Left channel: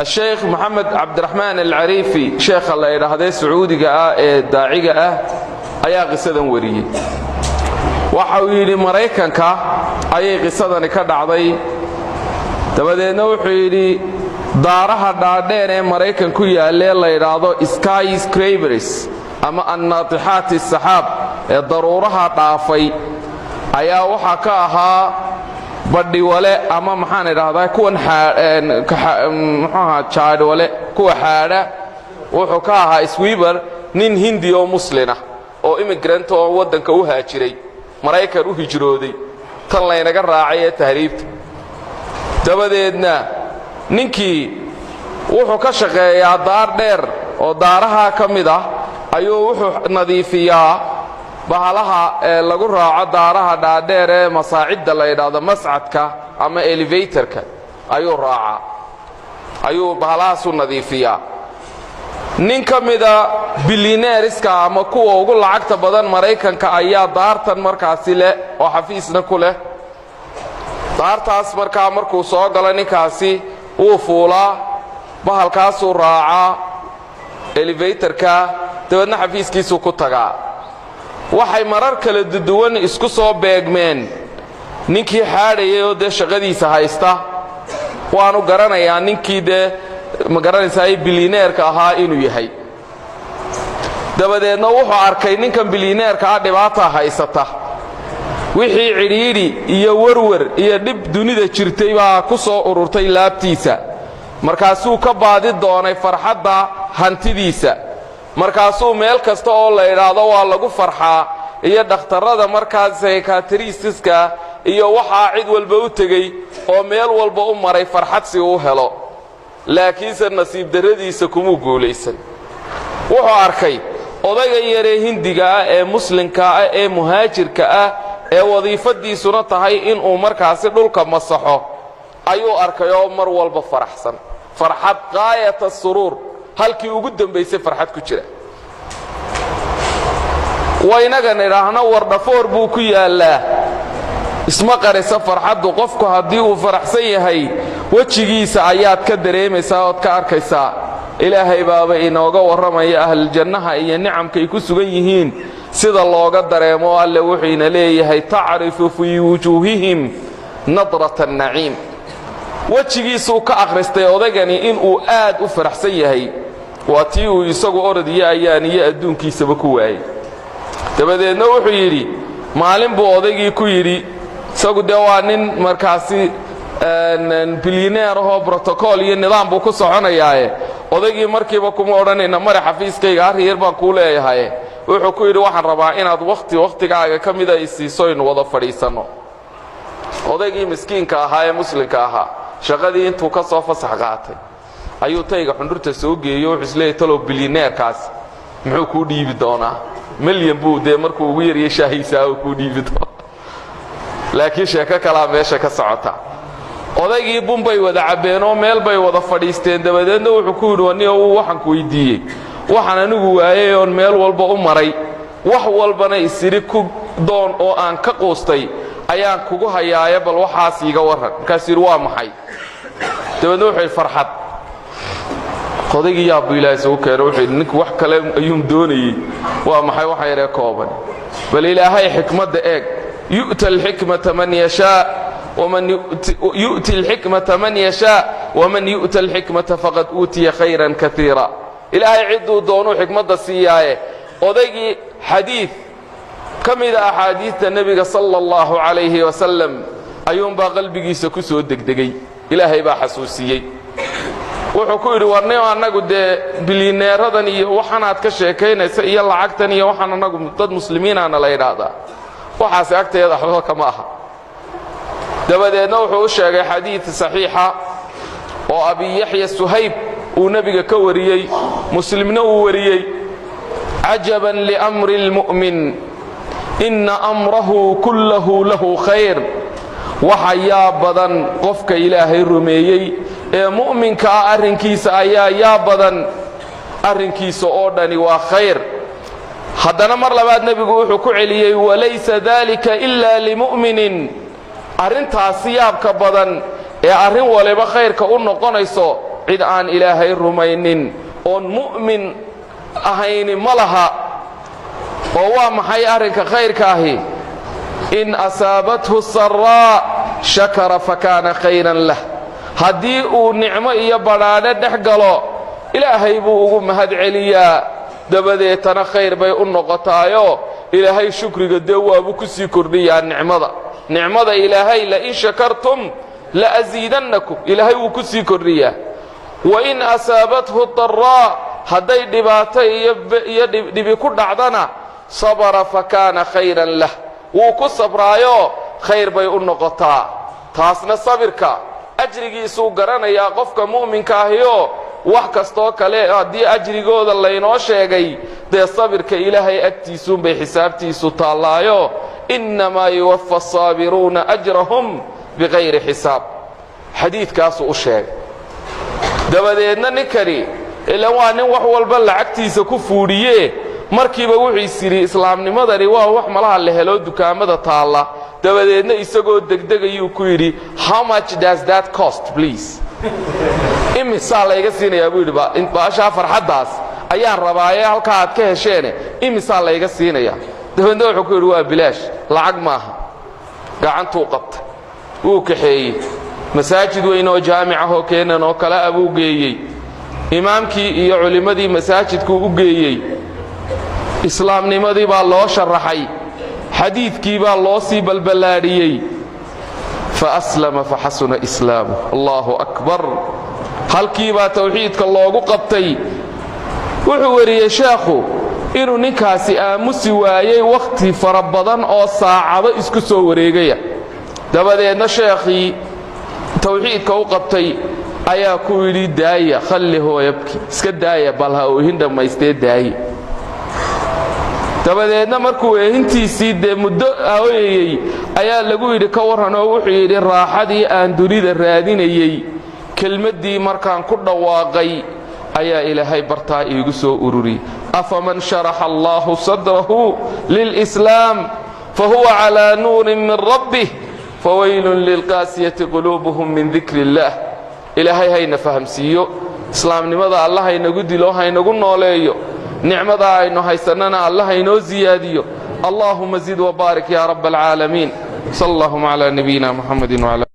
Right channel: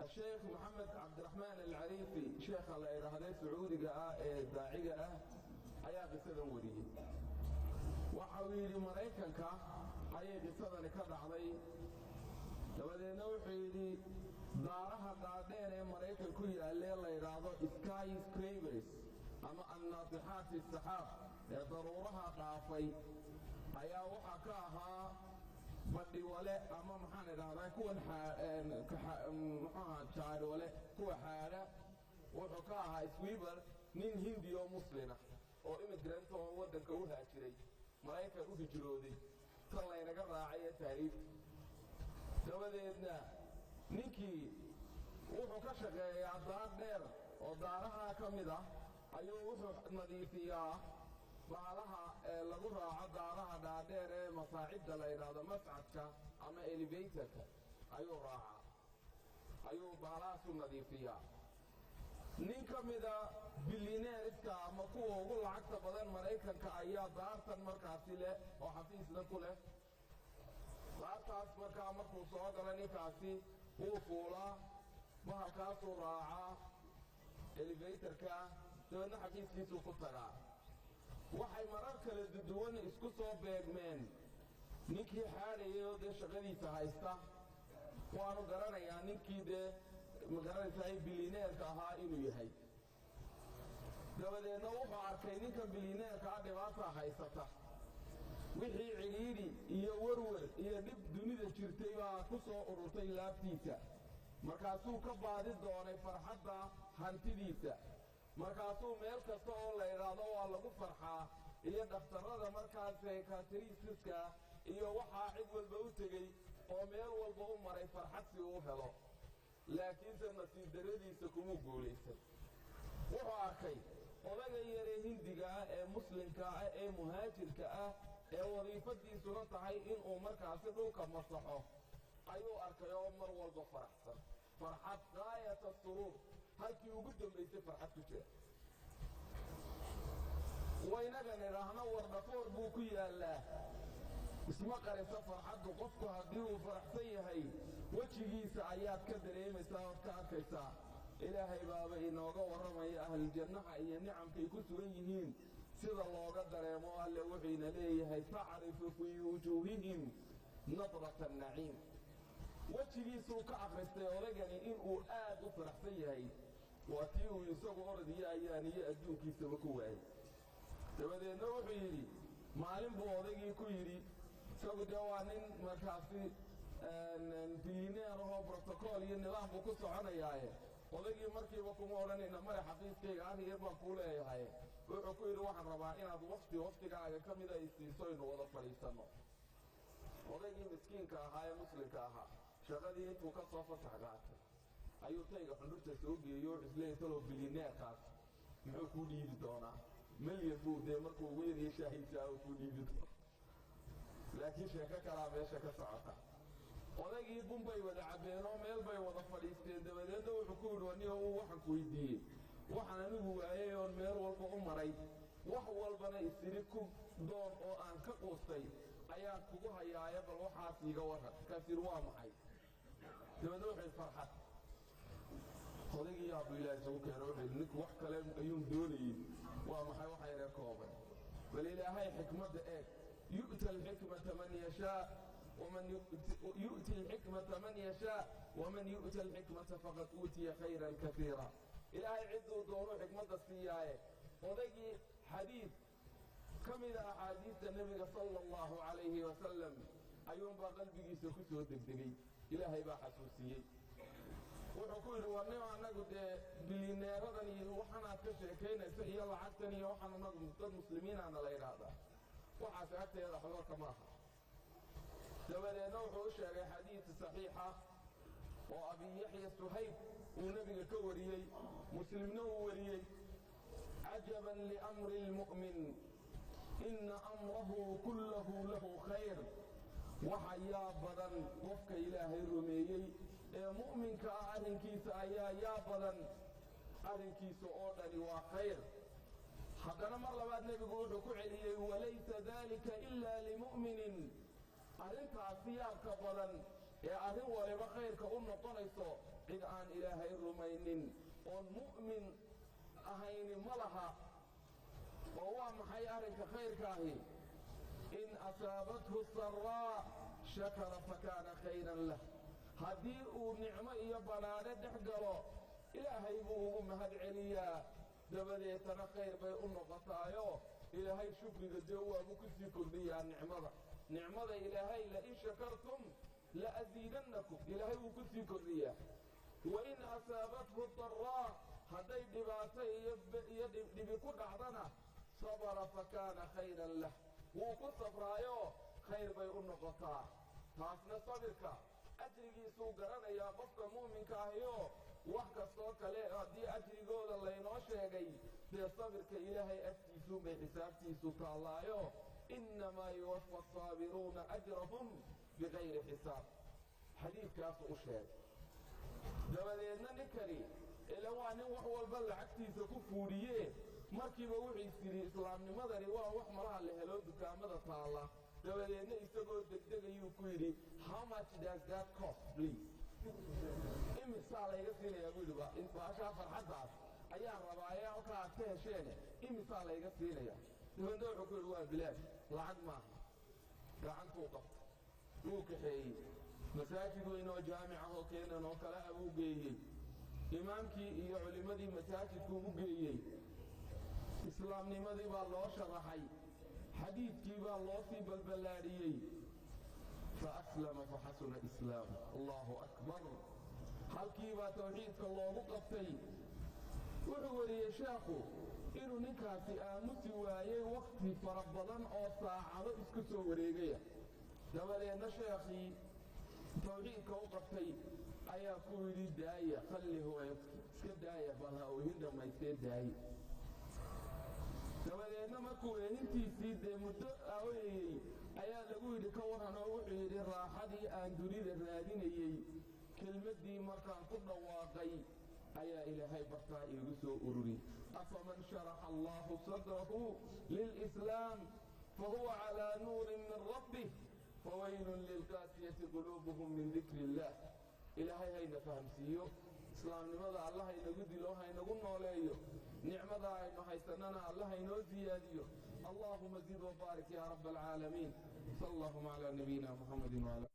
الشيخ محمد عبد الرحمن العريفي شيخ الله يرحمه سعودي داعي ayaa qisadan wariyay waxa uu yiri Mareykanka ayay qisadan ka dhacday dabadeedna wuxuu yiri daaraha dhaadheer ee Mareykan ku yaalay la yiraahdo skyscrapers ama annatihat as-sahab ee daruuraha dhaafay ayaa waxa ka ahaa badhi wale ama maxaan iraahdaa kuwan jaad wale kuwa xaada wuxuu ka ahaa sweeper nin hindi oo muslina oo immigrant oo wadanka u haajiray Mareykan u hijrooday tan la inaga raacay ee tahriibta dabadeedna ninkii wuxuu ka shaqeeyaa daar dheer oo daaraha kamid ah ayuu wuxuu nadiifiyaa bahalaha lagu raaco daaraha dhaadheer ee masaacida la yiraahdo mas'adka ama elevatorka ayuu raaca ayuu bahalahaas u nadiifiyaa nin kamida billionaireska ama kuwa ugu lacagta badan Mareykanka ayaa daartan markaasi leh oo xafiisna ku leh daartaas markuu soo galo ninkaasi uu fuulaa bahalkaas uu raaca elevatorka dabeedna xafiiskiisu ku tagaa waxay marar kala duwan isku soo beegmeen ninkii xaadayay oo shaqadiisa haysta waanu garanayaa ninkii ma garanaysaa billionaire-ka ahaa inuu yahay dabadeedna wuxuu arkay ninkan billionaire-ka dhibaato haysata wixii cidhiidhi iyo warwar iyo dhib dunida jirtay baa ku soo ururtay laabtiisa markaasuu ka baadi doonay farxadda hantidiisa markaasuu meel kasta oo la yiraahdo waa lagu farxaa iyo dhakhtarada markaas psychiatristiska iyo waxa cid walba u tagay oo meel walba u maray farxad si uu helo laakiinse nasiib daradiisa kuma guuleysan wuxuu arkay odayga yare hindiga ee muslimka ee muhaajirka ee wadiifadiisuna tahay in uu markaas dhulka masaxo ayuu arkay oo mar walba faraxsan farxad qaayat as-surur halkii ugu dambeysay farxad ku jira waynaga niraahna wardhafoor buu ku yaalaa isma qarisa farxadu qofku hadii uu faraxsan yahay wajigiisa ayaad ka dareemaysaa oo ka arkaysaa ilaahay baaba inooga waramaya ahl jannaha iyo nicamkay ku sugan yihiin sida looga dareemo alle wuxuu ina leeyahay ta'rifu fi wujuhihim nadrata an-na'im wajigiisu ka akhristay odagani in uu aad u faraxsan yahay waatii uu isagu oradiya ayaan iyo adduunkiisaba ku waayay dabadeedna wuxuu yiri maalin buu odagii ku yiri isagu waa nin markaasi billionaire oo protocol iyo nidaam buu ku soconayaa odagii markiiba kuma oranayna mara xafiiskayga ariyar baan ku leeyahay wuxuu ku yiri waxaan rabaa inaad waqtigaaga kamida isiiso in wada fadhiisano odagii miskiinka ahaa ee muslimka ahaa shaqadii intuu ka soo fasax qaatay ayuu tayga xundurta soo geeyo xisleey talo billionaire kaas muxuu ku dhiibi doonaa milyan buu markuu ugu yariyay shaahiisa ku dhiibi doonaa laakiin sheeko kala meesha ka socota odaygii bumbay wada cabeen oo meel bay wada fadhiisteen dabadeedna wuxuu ku yiri waniyo waxaan ku weydiiyay waxaan anigu waayay oo meel walba u maray wax walbana isiri ku doon oo aan ka qoostay ayaan kugu hayaaya bal waxaas iga waran markaas yiri waa maxay dabadeedna wuxuu farxad odaygii yaa Ilaahay soo keenay wuxuu ninku wax kale ayuu doonayay waa maxay waxa yare kooban bal Ilaahay xikmadda eeg يؤتي الحكمة من يشاء ومن يؤتي الحكمة من يشاء ومن يؤتى الحكمة فقد أوتي خيرا كثيرا إلهي عدو دونو حكمة السياية وذي حديث كم إذا أحاديث النبي صلى الله عليه وسلم أيوم بقلبي سكسو الدقدقي إلهي بحسوسيي وحكوري ورنيو أنا قد بلينير هذني وحنا أتكشكين يلا عكتني وحنا نقول ضد مسلمين أنا لا يرادا وحاس أكتر يضحوا كماها دبدنا وحوش شيء حديث صحيحة وأبي يحيى السهيب ونبي كوريي مسلم نوريي عجبا لأمر المؤمن إن أمره كله له خير وحيا بدن قفك إلهي الرميي مؤمن كأرنكيس يا بدن أرنكيس أردني وخير حدنا مر لبعد نبي وحكو عليه وليس ذلك إلا لمؤمن أرنتها سياب كبدن أرن ولبا خير كأنه قنيسو cid aan ilaahay rumaynin oon mu'min ahayni ma laha. oo waa maxay arrinka khayrka ahi? in asaabathu saraa shakara fakaana khayran lah. haddii uu nicmo iyo badhaadhe dhex galo ilaahay buu ugu mahad celiyaa, dabadeetana khayr bay u noqotaayo ilaahay shukriga dee waabuu ku sii kordhiyaa nicmada ilaahay lain shakartum la'asiidannakum, ilaahay wuu ku sii kordhiyaa. wain asaabathu daraa, hadday dhibaato iyo dhibi ku dhacdana sabara fakaana khayran lah, wuu ku sabraayo khayr bay u noqotaa. taasna sabirka ajrigiisuu garanayaa qofka mu'minka ahiyo wax kastoo kale haddii ajrigooda laynoo sheegay dee sabirka ilaahay agtiisuunbay xisaabtiisu taallaayo innamaa yuwaffa asaabiruuna ajrahum bikayri xisaab. xadiidkaasuu u sheegay. dabadeedna ninkani ilaan waa nin wax walba lacagtiisa ku fuudhiye markiiba wuxuu is yidhi islaamnimadani waa wax malaha la helo dukaamada taalla. dabadeedna isagoo degdegayuu ku yidhi how much does that cost please? imisaa layga siinayaa buu yidhi baashaa farxaddaas ayaan rabaaye halkaa aad ka hesheene imisaa layga siinayaa. dabadeedna wuxuu ku yidhi waa bilaash, lacag maaha. gacantuu qabtay, wuu kaxeeyey, masaajid weyn oo jaamicahoo keenan oo kale a buu geeyey. imaamkii iyo culimmadii masaajidkuu u geeyey. islaamnimadii baa loo sharaxay, xadiidkii baa loo sii balballaadhiyey. faaslama faxasuna islaamuh. allaahu akbar. halkii baa tawxiidka loogu qabtay. wuxuu wariyey sheekhu inuu ninkaasi aamusi waayey wakhti fara badan oo saacado isku soo wareegaya. dabadeedna sheekhii tawxiidka u qabtay ayaa ku yidhi daaya, khallihu yabki, iska daaya, bal ha oohin dhammaystee daaye. dabadeedna markuu eehintiisii dee muddo ooyayey ayaa lagu yidhi ka warran, oo wuxuu yidhi raaxadii aan dunida raadinayey kelmaddii markaan ku dhawaaqay ayaa ilaahay bartaa iigu soo ururi. afaman sharaxa allaahu sadrahu lilslaam fahuwa calaa nuurin min rabbih fawaylun lilqaasiyati quluubuhum min dikri illaah. ilaahay hayna fahamsiiyo, islaamnimada alla haynagu dilo, haynagu nooleeyo, nicmadaa aynu haysannana alla haynoo siyaadiyo. allaahuma zid wabaarik ya rab alcaalamiin. sal allahuma calaa nabiyina muxamedin wala